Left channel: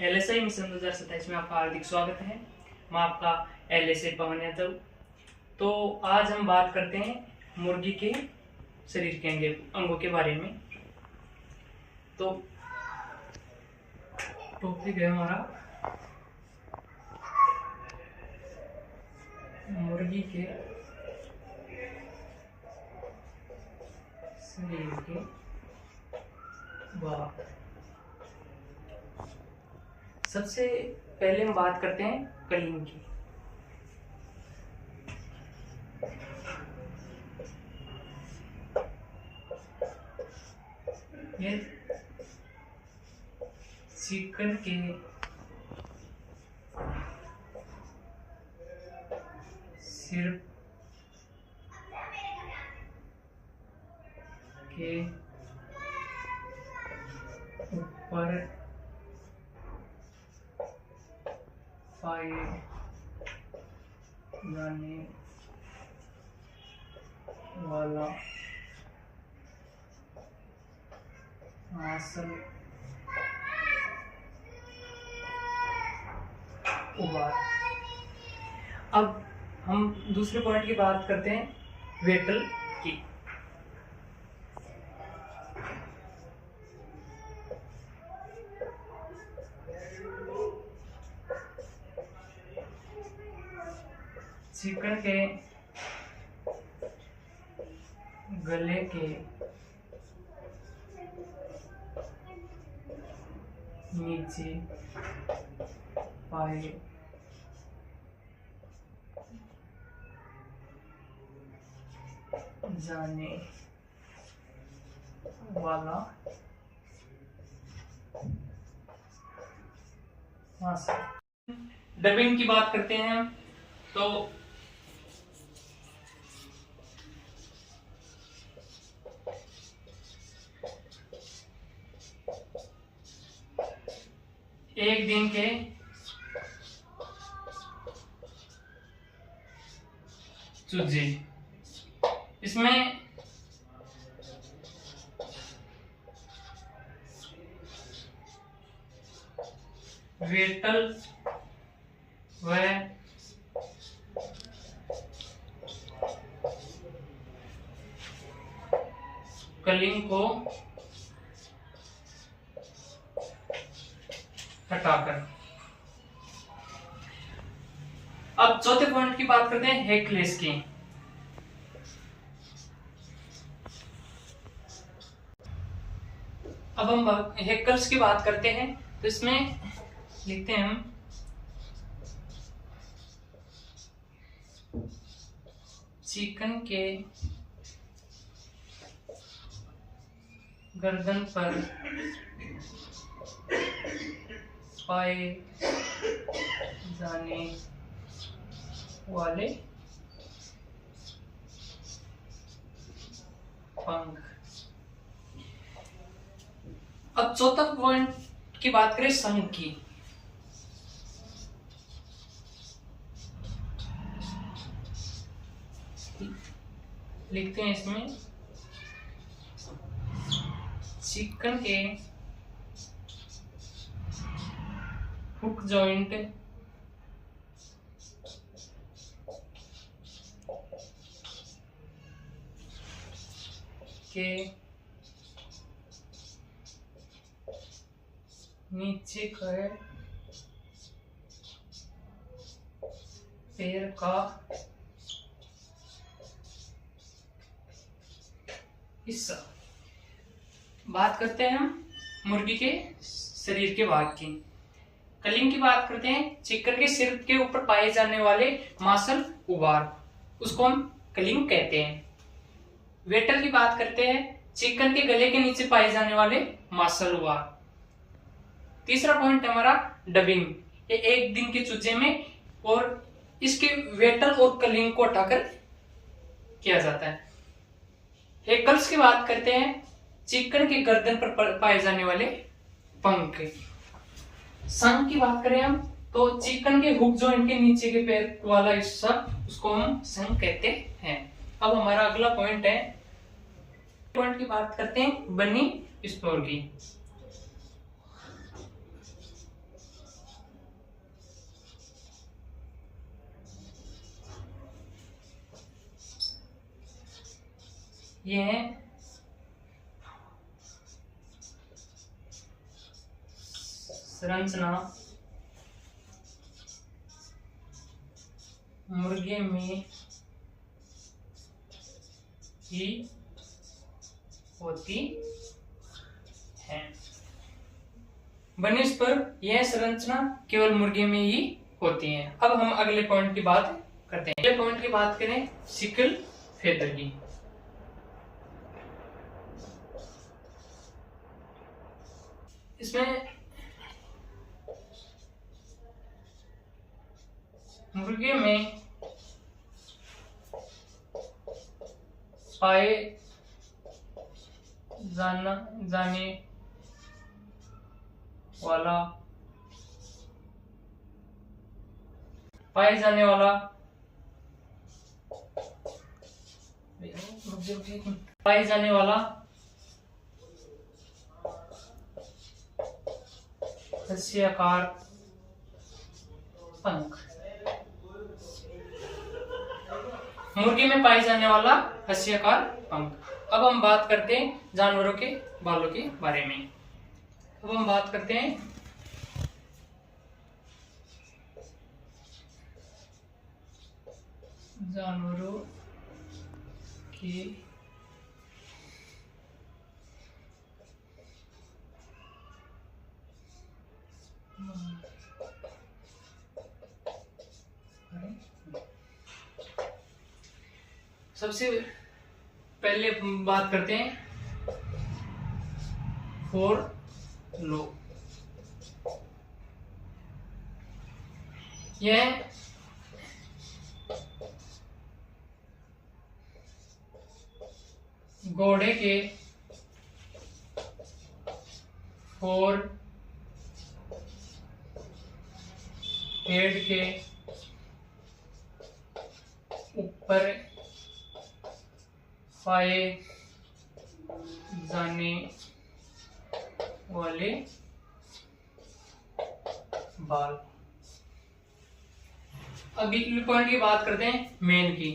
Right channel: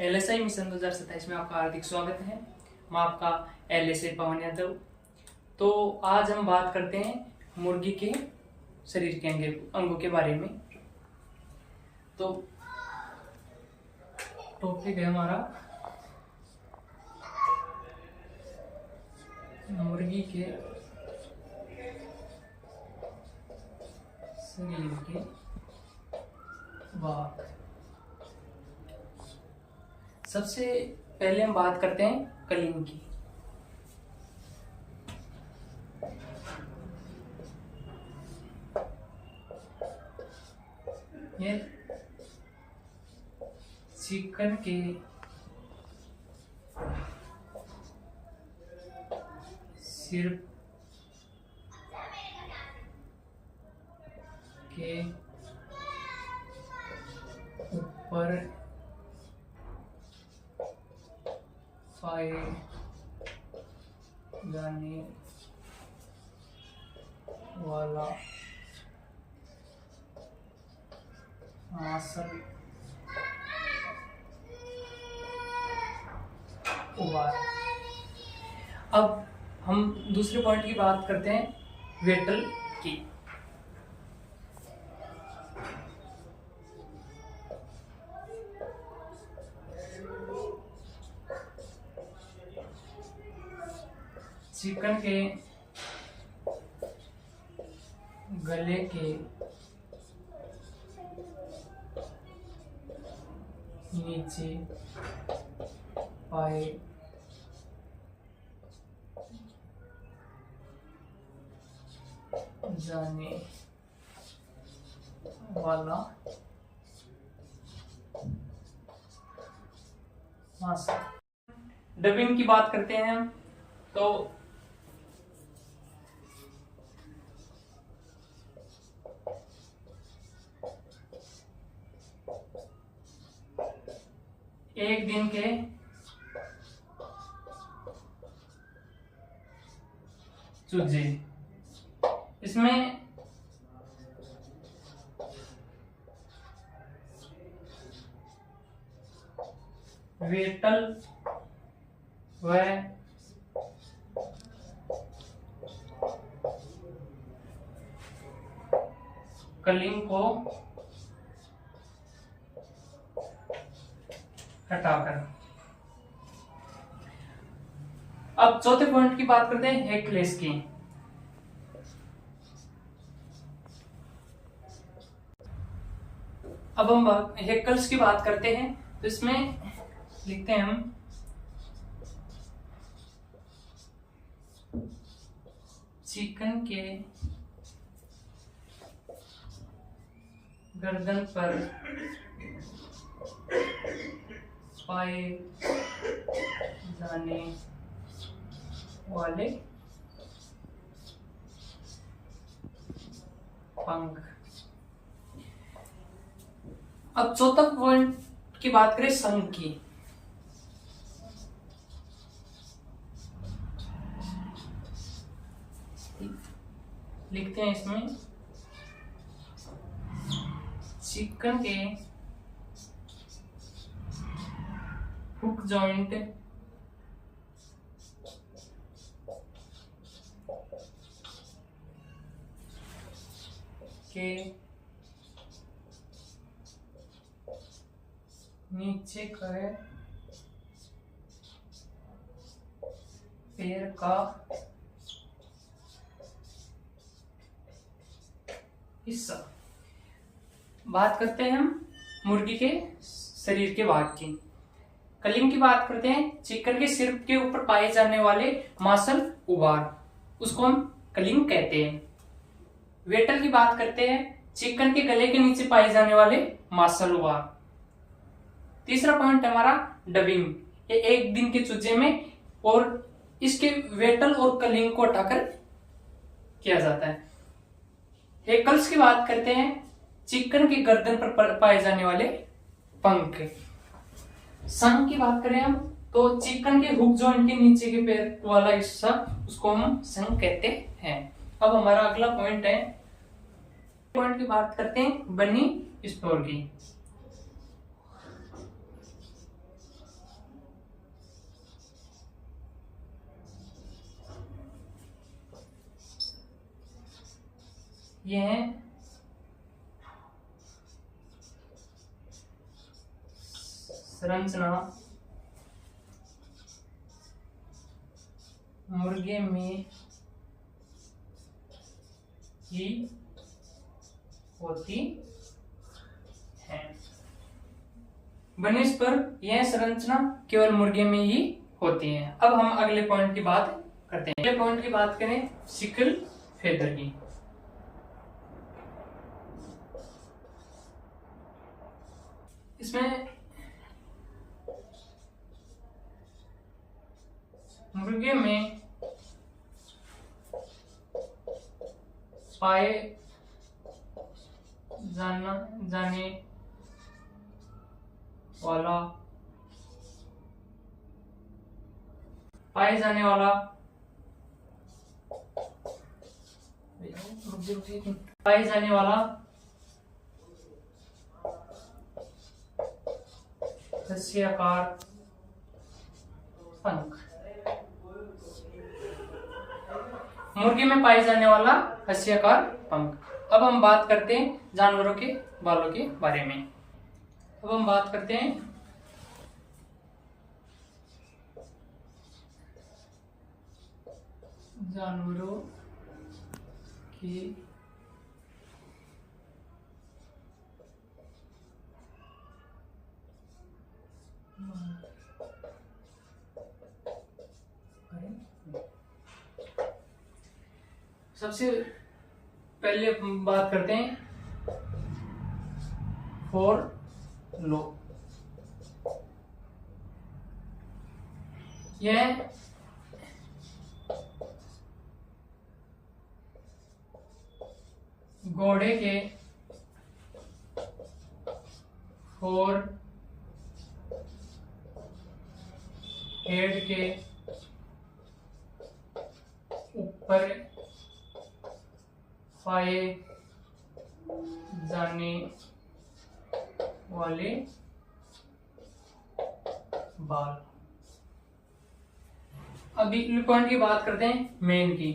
LSI mission 2027 में आपका हार्दिक स्वागत है। मैं आपका LSI पवन यादव। तो आज हम बात करते हैं मुर्गी के शरीर के अंगों के बारे में। तो टॉपिक है हमारा मुर्गी के शरीर के भाग। सबसे पहले हम बात करते हैं कलिंग की। ये चिकन के सिर के ऊपर पाए जाने वाला मांसल उबार। अब हम दूसरे पॉइंट की बात करते हैं वेटल की। चिकन के गले के नीचे पाए जाने वाला मांसल। डबिंग की बात करते हैं हम। तो एक दिन के चूजे, इसमें वेटल व कलिंग को हटाकर। अब चौथे पॉइंट की बात करते हैं हेकलेस की। अब हम हेकल्स की बात करते हैं। तो इसमें लिखते हैं हम चिकन के गर्दन पर पाए जाने वाले पंख। अब चौथा पॉइंट की बात करें संघ की। लिखते हैं इसमें चिकन के हुक जॉइंट के नीचे का पैर का हिस्सा। बात करते हैं हम मुर्गी के शरीर के भाग की। कलिंग की बात करते हैं चिकन के सिर के ऊपर पाए जाने वाले मांसल उबार, उसको हम कलिंग कहते हैं। वेटल की बात करते हैं चिकन के गले के नीचे पाए जाने वाले मांसल उबार। तीसरा पॉइंट हमारा डबिंग। ये एक दिन के चूजे में और इसके वेटल और कलिंग को हटाकर किया जाता है। हेकल्स की बात करते हैं चिकन के गर्दन पर पाए जाने वाले पंख। संघ की बात करें हम तो चिकन के हुक जॉइंट के नीचे के पैर वाला हिस्सा, उसको हम संघ कहते हैं। अब हमारा अगला पॉइंट है, पॉइंट की बात करते हैं बनी स्टोर की। ये है संरचना मुर्गे में ही होती है। बनिस पर यह संरचना केवल मुर्गे में ही होती है। अब हम अगले पॉइंट की बात करते हैं। अगले पॉइंट की बात करें सिकल फेदर की। इसमें मुर्गे में पाए जाने वाला पाए जाने वाला हस्याकार पंख। मुर्गी में पाए जाने वाला हस्याकार पंख। अब हम बात करते हैं जानवरों के बालों के बारे में। अब हम बात करते हैं जानवरों के सबसे पहले बात करते हैं फोर लो। यह घोड़े के फोर हेड के ऊपर पाए जाने वाले बाल। अभी पॉइंट की बात करते हैं मेन की।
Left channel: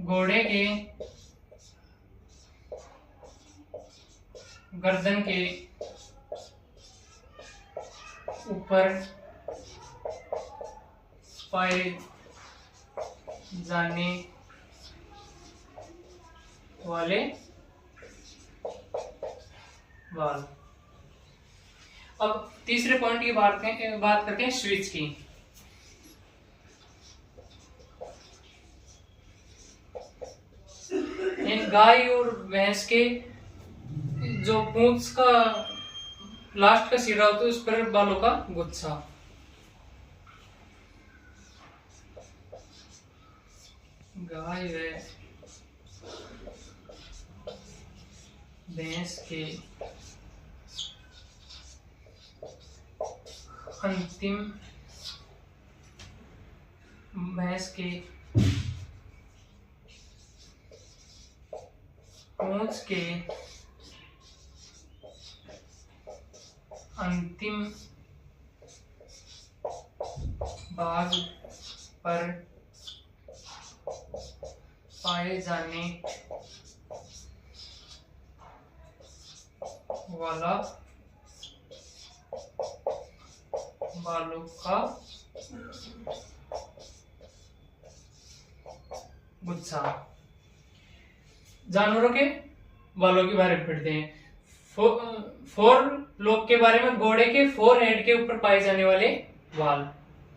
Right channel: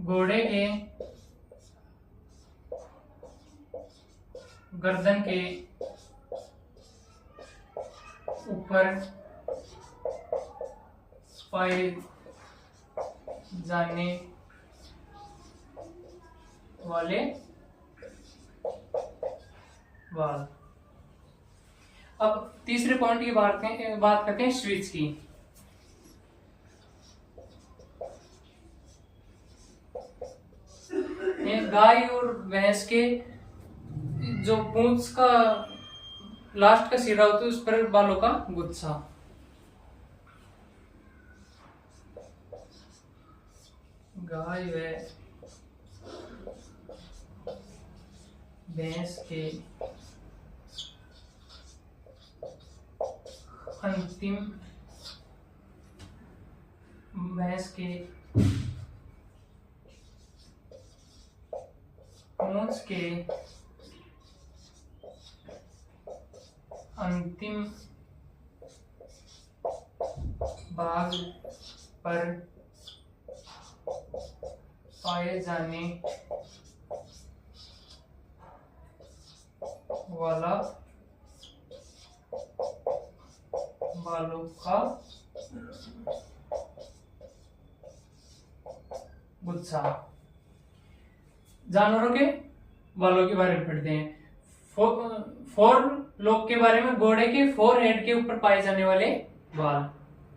घोड़े के गर्दन के ऊपर पाए जाने वाले बाल। अब तीसरे पॉइंट की बात करते हैं स्विच की। ये गाय और भैंस के जो पूंछ का लास्ट का सिरा होता है उस पर बालों का गुच्छा। गाय व भैंस के अंतिम भैंस के पूंछ के अंतिम भाग पर पाए जाने वाला बालों का गुच्छा। जानवरों के बालों के बारे में पढ़ते हैं। फोर लोग के बारे में घोड़े के फोर हेड के ऊपर पाए जाने वाले बाल।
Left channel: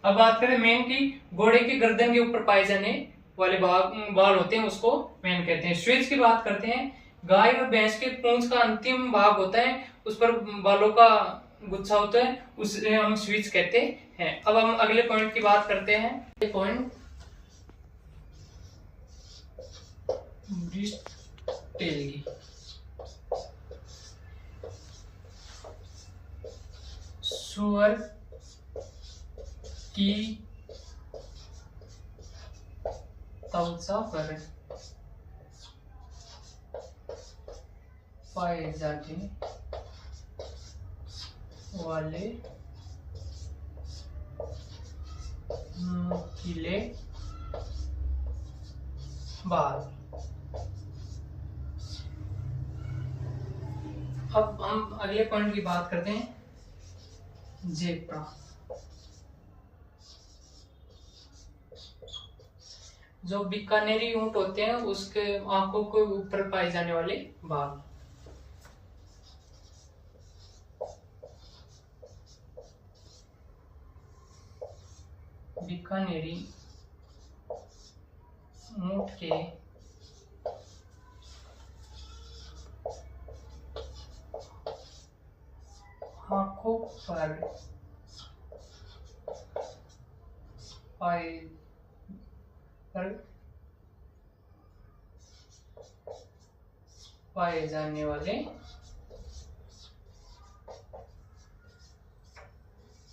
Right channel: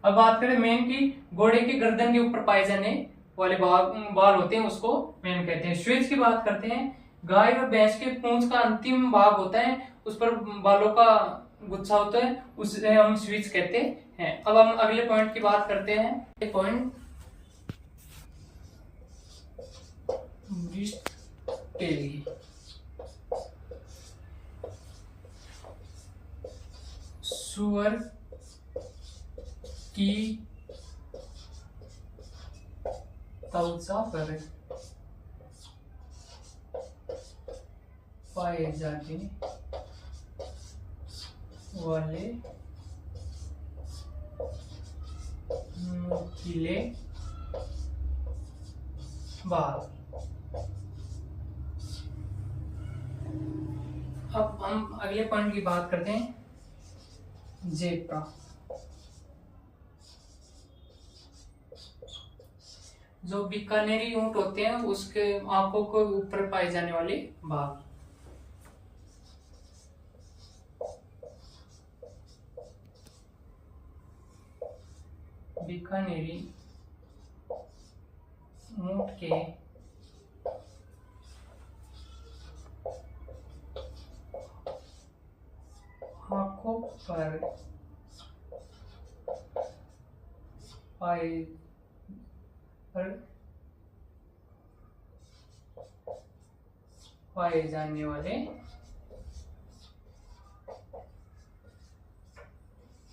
अब बात करें मेन की, घोड़े के गर्दन के ऊपर पाए जाने वाले बाल होते हैं उसको मेन कहते हैं। स्विच की बात करते हैं, गाय और भैंस के पूंछ का अंतिम भाग होता है उस पर बालों का गुच्छा होता है, उसे हम स्विच कहते हैं। अब हम अगले पॉइंट की बात करते हैं। पॉइंट टेल की। सुअर की त्वचा पर पाए जाने वाले नुकीले बाल। अब हम अगले पॉइंट की बात करते हैं, जेब्रा। जो बीकानेरी ऊंट होते हैं उसके आंखों के ऊपर पाए जाने वाले बाल। बीकानेरी ऊंट के आंखों पर पाए जाने वाले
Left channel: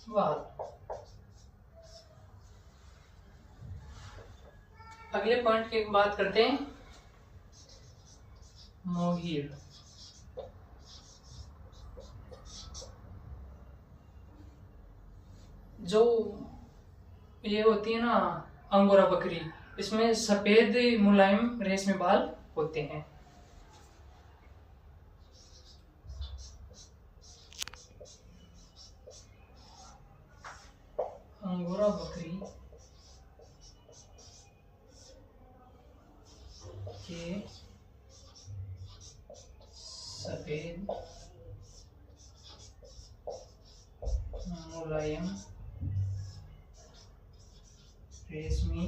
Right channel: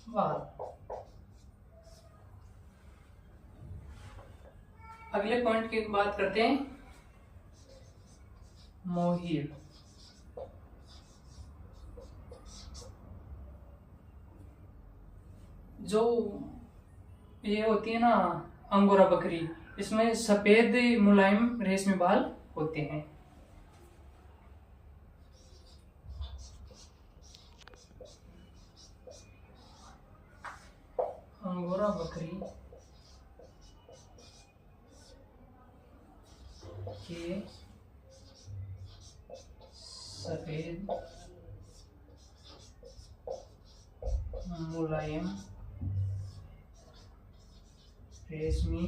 बाल। अगले पॉइंट की बात करते हैं, मोहीर। जो ये होती है ना अंगोरा बकरी, इसमें सफेद मुलायम रेशमी बाल होते हैं। अंगोरा बकरी के सफेद मुलायम रेशमी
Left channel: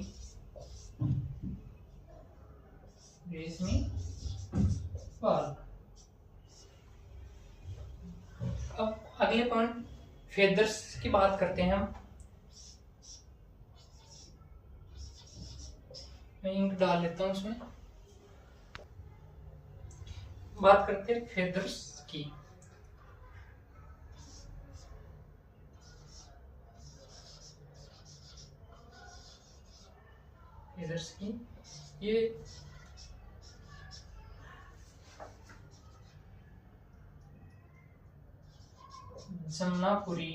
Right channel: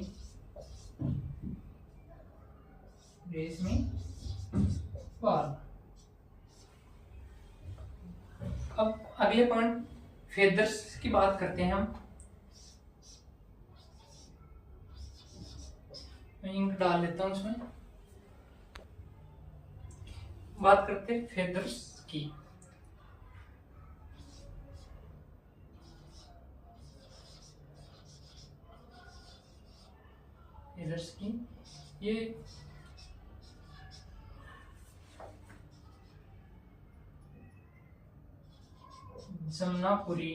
बाल। अब अगले पॉइंट फेदर्स की बात करते हैं हम। मैं इंक डाल लेता हूं उसमें। बात करते हैं फेदर्स की। फेदर्स की ये जमनापुरी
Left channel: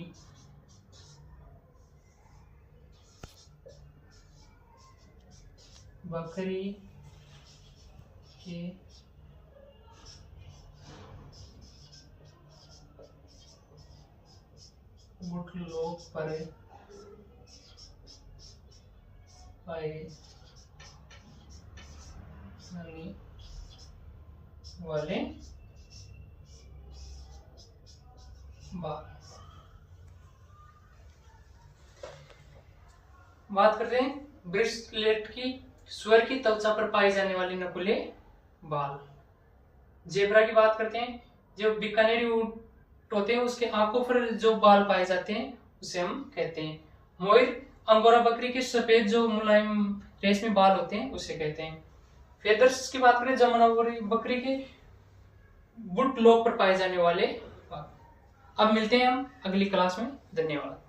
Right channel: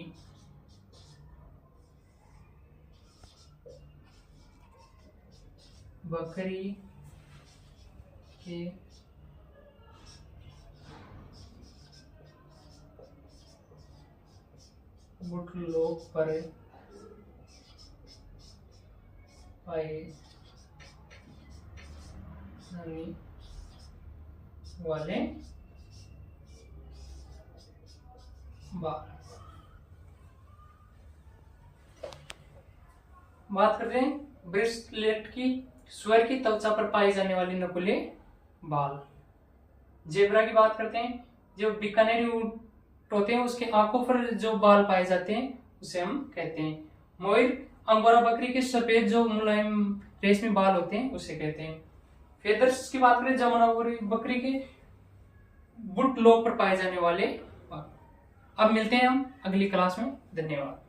बकरी के गुटलों पर पाए जाने वाले बाल। बात करते हैं ब्रेसलेट की। सुअर की त्वचा पर पाए जाने वाले नकुले बाल। जेब्रा की बात करते हैं। जो बीकानेरी ऊंट होते हैं उसके आंखों पर जो बाल पाए जाते हैं उसे हम कहते हैं मोर। अंगोरा बकरी के सफेद जो मुलायम रेशमी बाल होते हैं उसे कहते हैं फेदर्स। की बात करें जमुनापुरी बकरी के बुट लोब पर पाए जाने वाले बाल। अब मिलते हैं हम अगली क्लास में। धन्यवाद।